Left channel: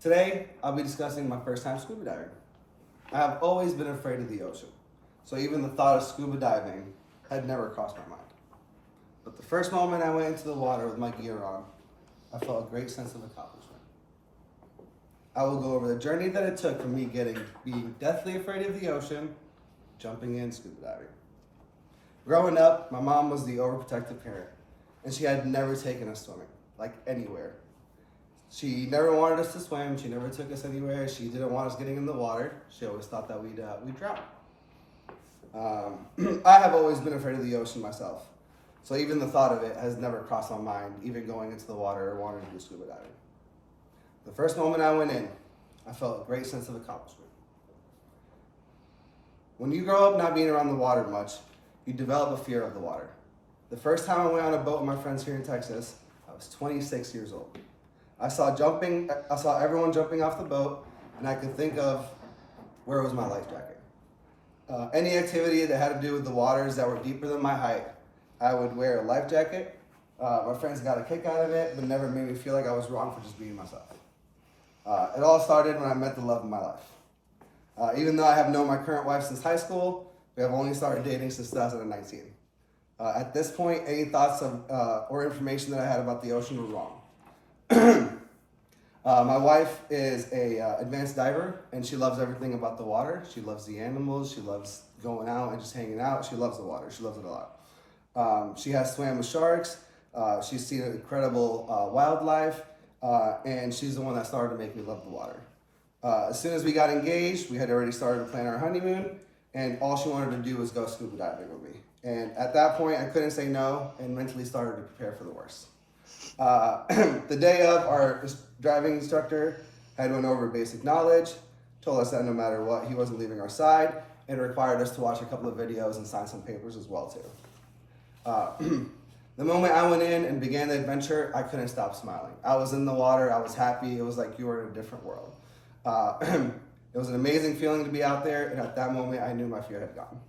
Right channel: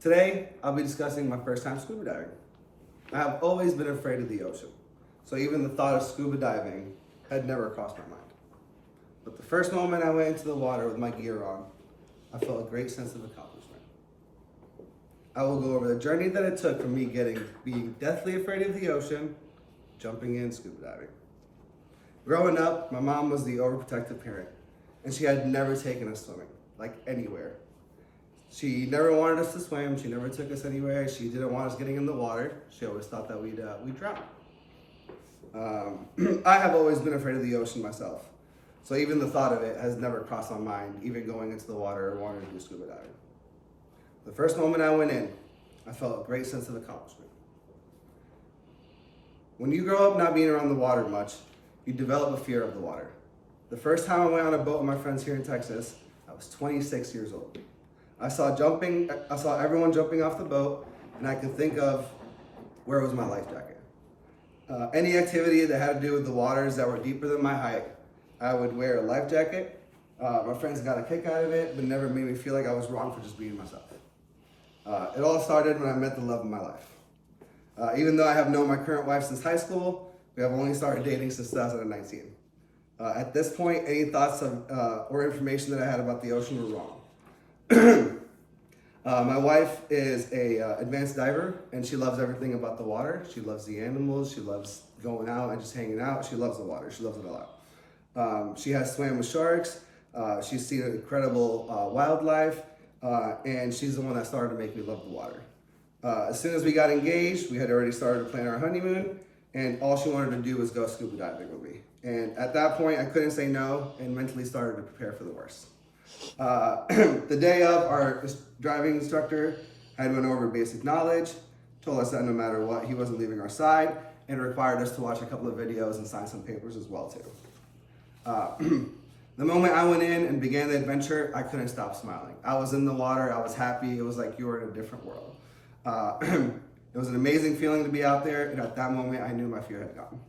Today, I'll be discussing my first time scuba diving. I have always been afraid of the ocean, so even the thought of scuba diving had never crossed my mind. But the first moment I went into the water with my gear on, I felt a great sense of accomplishment. I will go over the journey that it took from me being deathly afraid of the ocean, jumping in scuba diving. Growing up, my mom was the overprotective parent, and she had never taken us swimming, like anywhere. She never wanted us to swim. She never took us anywhere. She didn't want us getting in the water. She always thought that we'd drown. I have always been afraid of the ocean myself, so even the thought of it has never crossed my mind, even going into the water or wanting to do scuba diving. The first moment I went in, I felt a great sense of accomplishment. When you grow up not being around the water much, you develop a fear of the water. The first time I went on a boat with my friends here in Texas, I was 26 years old. I saw everyone jumping off the boat, and I could think of where was my life jacket. Any activity that had to do with the waters that were deeper than my height, I would wear a life jacket. My friends got a kick out of it, but never made me feel like I was wrong for just being myself. It all started when I met the love of my life. Even though I have known my current wife since high school, we have only started dating since 2019. At this point, any thoughts or information that I had about the ocean were wrong. My wife is a advanced diver, and she loves everything about the water. She loves the animals. She loves going out and just hanging out. She loves the water. She loves it a lot. She has swam with sharks. She's seen incredible wildlife, and she's the one that started to make me love the water. As soon as we got engaged, we had already started to plan our honeymoon, and all she wanted to do was go scuba diving with me. And at that point, I couldn't say no, and mentally started to prepare for the worst. The day of, our driving instructor had went over basic knowledge, told us that no matter what, he wasn't leaving our side, and required us to watch a couple of videos and sign some papers as well too. The moment I went in and began the adventure, I couldn't stop smiling. I was in the water, I was happy, it was like you were in a different world. It was an amazing feeling to be out there, and at that moment I knew my fear had gone.